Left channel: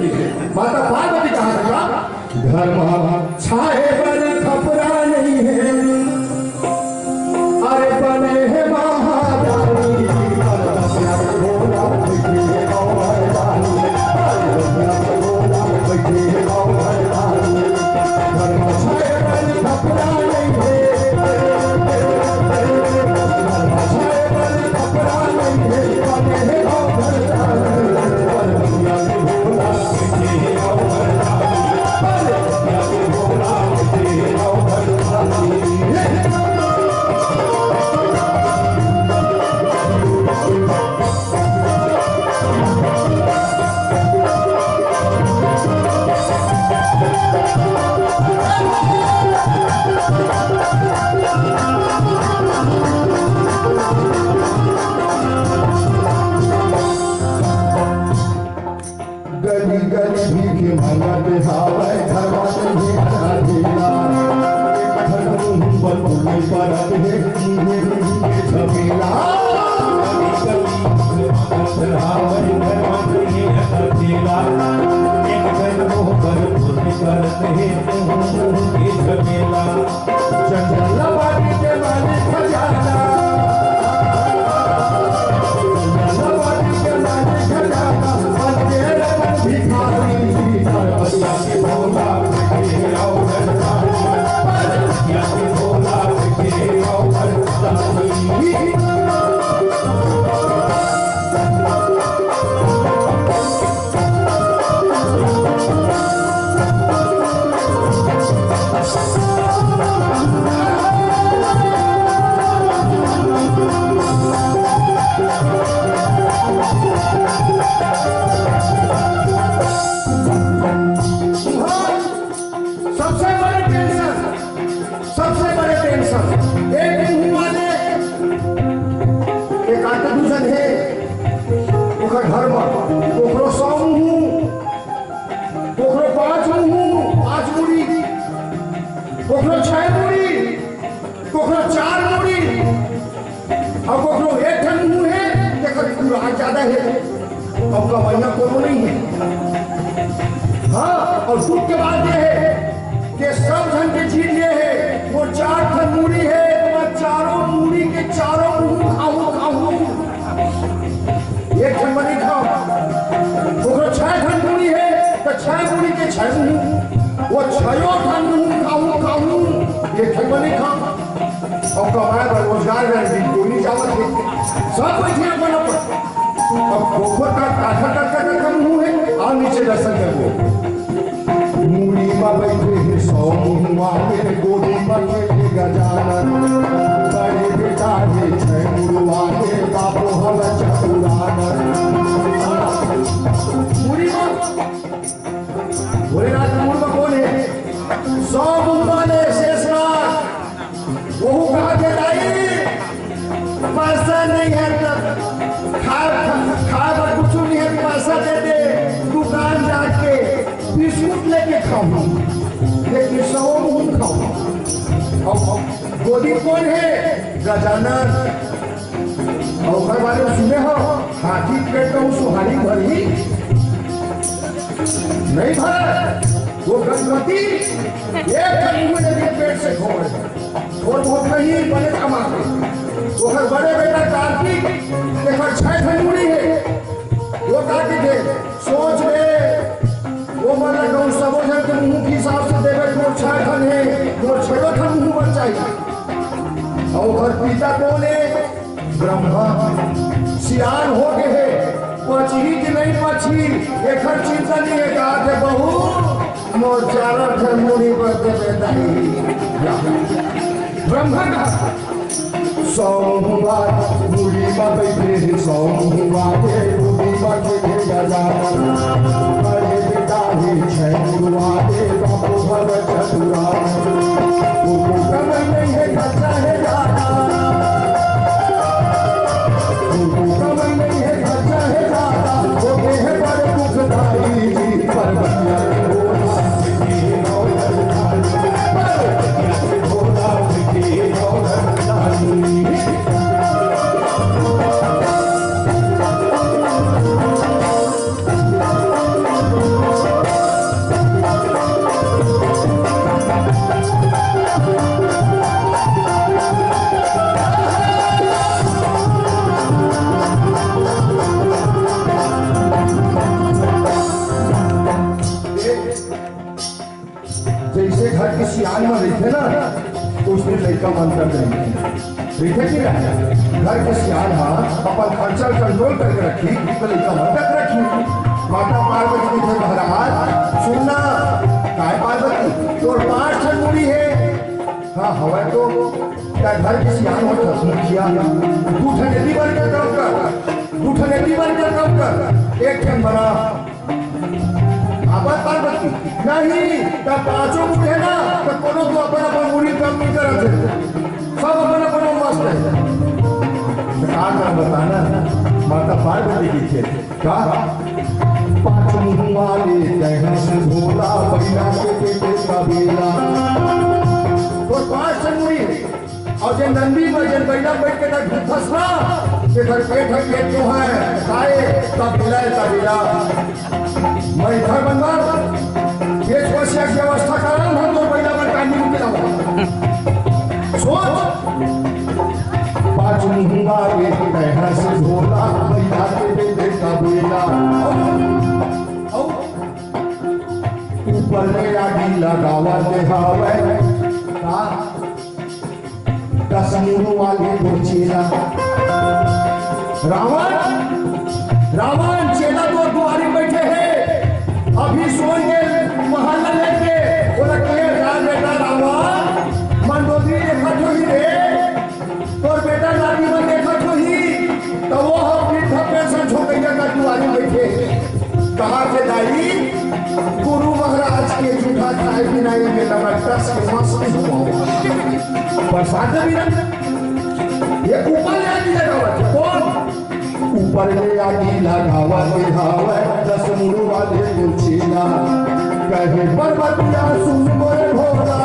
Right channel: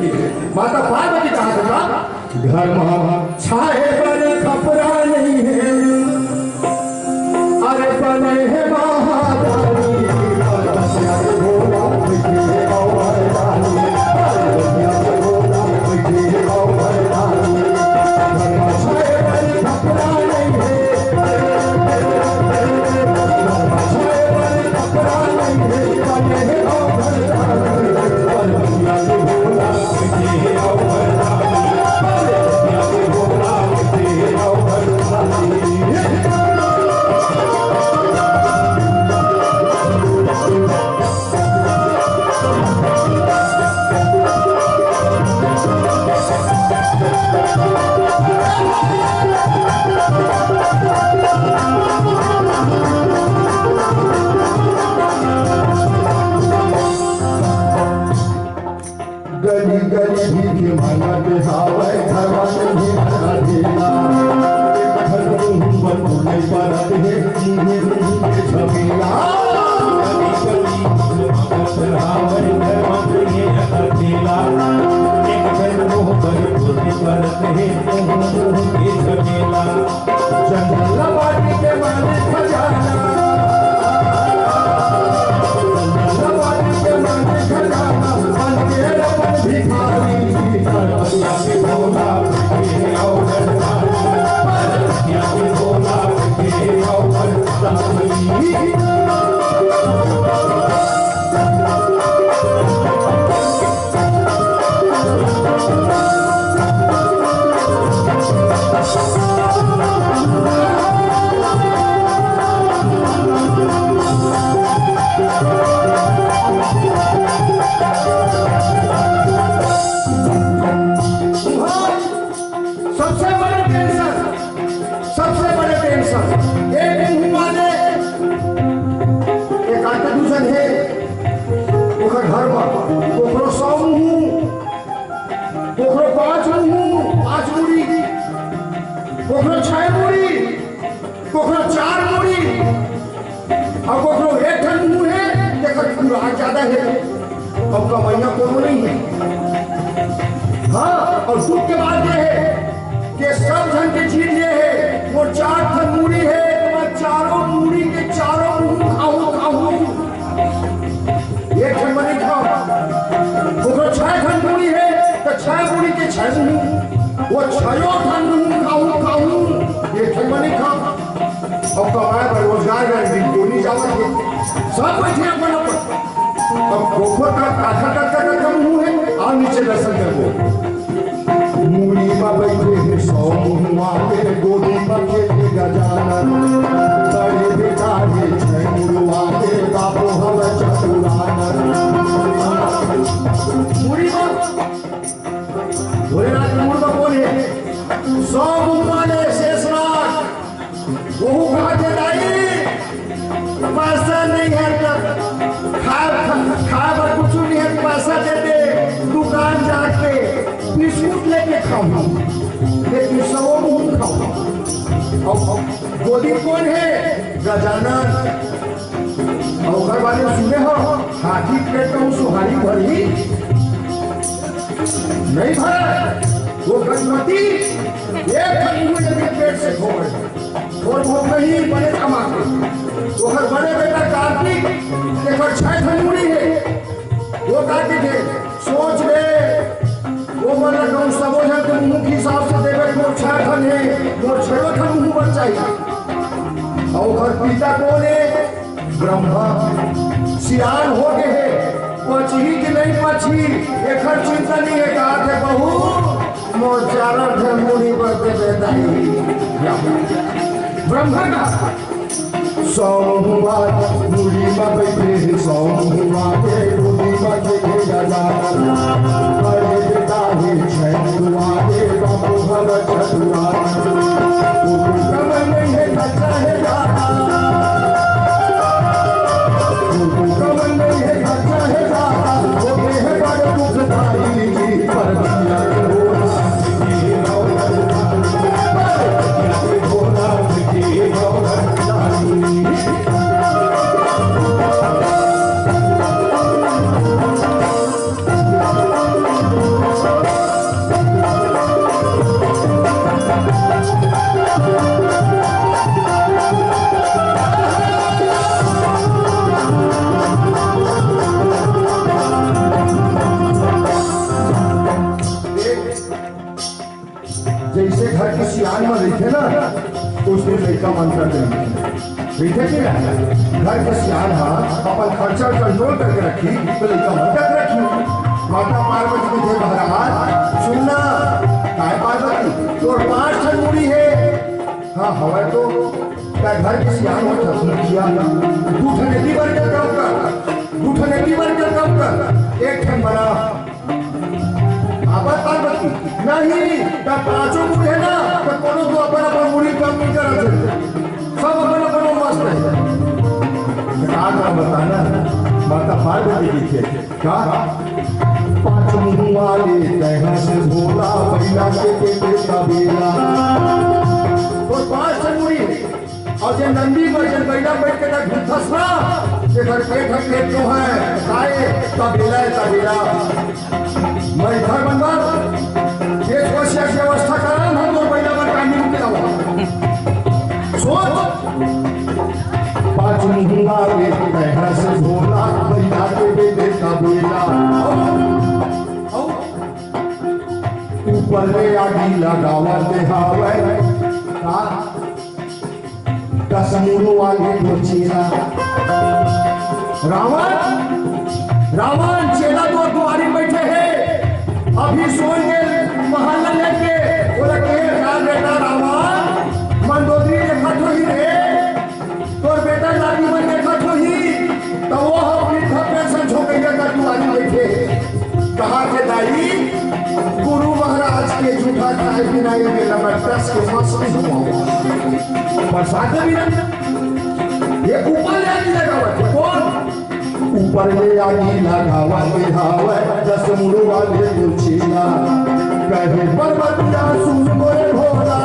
की माता पार्वती कहा था घर छाए पर खपरा नहीं है, अरे बने है महारानी भोला बैठे औरदानी, भोला बैठे औरदानी, घर छाए पर खपरा नहीं है, छाए पर खपरा नहीं है, बने है औरदानी, भोला बैठे औरदानी, भोला बैठे औरदानी। गली गली भीख मांगत हावे घरवा नहीं खड़ा देला, घर बन नहीं परत है छबीला, गली गली मांगत हावे घरवा नहीं खड़ा देला, एक घर मोह पर नहीं परत है छबीला, जंगल वाटी के मालिक खजाना, जंगल वाटी के मालिक खजाना, भिखारी भोला बैठे औरदानी, भोला बैठे औरदानी। ज्यादा है अब कमाइया कोनो नहीं है। हाँ, और दुख के बाद ये है कि सब धन की चीज ये है वो 4 ठन मूड़ी है, मैं चारों मूड़ी के चारों मुंह खाऊं एक ठन मनी खाओ, वो 6 ठन मूड़ी है तो 6 मूड़ी के 6 मुंह, वो 6 ठन मुंह खाऊं एक ठन मनी खाओ, और कमाए रोजगार दिन दोनों जावत है सब बैठे अपन अब गोबर का काठा का मुंह है और नीचे दर्शन कर वो मूड़ी में बैठे हैं 100 मुहुआ के गोदी में के गजानन, बड़े बेटा है 6 मुरुआ के बापो हव चतुरानन, मूड़ी में भोलेनाथ मूड़ में कौन है 100 मुहुआ ने शेषनाग वो कहा के दाई पैसा नहीं है तब खाए कुछ नहीं है, पैसा दे दे दुकान जाके बिस्कुट लेके खाऊं, लेकिन 100 मुंह खाऊं। गोदी कौन है गजानन, और घर वाले सुने हो हाथी पेट में सुहारी भरी नहीं भरा, वो गणपति एक पेट से खोल और बहुत नहीं बड़े कमाते, वो घर बड़े बेटा कार्तिक एक 6 ठन मूड़ी है, वो कार्तिक है सोच ले वो वाला कौन सा वो है कि मुंह के हिसाब से देवे तो 6 ठन है, वो 6 ठन मुंह बन चाहिए, और घर पिता कौन है ब्रह्मा, सियान हो गए है पची कि नहीं पची एक चिंता नहीं है, कहा के बहू मोर 4 ठन मूड़ी पर दे दाई ब्रह्मा का 100 मुहुआ मूड़ी में बैठे 100 मुहुआ के गोदी में के गजानन, बड़े बेटा है 6 मुरुआ के बापो भव चतुरानन, कमर नहीं है खर्चा है ज्यादा, कमर नहीं है खर्चा है ज्यादा, वो है बड़े दुखदाई पर बनिया घर की सियान में रहते ना तो उसने लड़का मन कर देते कि ना घर के सियान अपन खर्चा कंट्रोल करके रखी तो लड़का मन तक रखी। माता पार्वती थे महाराज सुनना काय पार्वती तो 5 ठन मुड़ी है। हाँ हवा तो क्या घर की सियान हो किया 2 ठन एती बार क्या काम कर 2 ठन एती बार क्या काम कर 1 ठन बना आबाद पार्वती नहीं तब 5 मुड़ी है ना तो कोनो तो अपन अपन मुड़ी कम नहीं करत सब अपन अपन मस्त है। क्या बताना माता पार्वती की थे क्या 5 मुँह वाले जहाँ से भोला बैला के पेटे का बेला तो 5 ठन मुड़ी और जे नंदी में जे बैला बैठ के ना फसना के घर पेट तो है खाए तबेला मैं घर बनवा एक वर्षीय की व्यवस्था करा हम तो बैला में कानी मुके लाओ सोच 5 मुँह वाले जहाँ से भोला बैला के पेटे का बेला ऊपर आगी लगावा दे हावे का 10 मुँह वाले को चेला रावण चेला तो द्वारी बैठे हैं अभी सोन के महल लेके बोला के बेटा रावण मंदोदरी देखा तो ही रे तोर बेटा नाती मन देखा तो ही तो वो अपनी थप्पे से झोंकैया का द्वारी बैठे कहा के दाई गुरु महाराज के झूठा चाय पिनाई में लगा टस के मस्ती हुआ बरसात भी ये ऊपर ले आगे लगावा कौन ऊपर ले आगे लगावा के हावे 10 मुँह वाले को चेला कहे पर्वतिया सुन मोरे भोला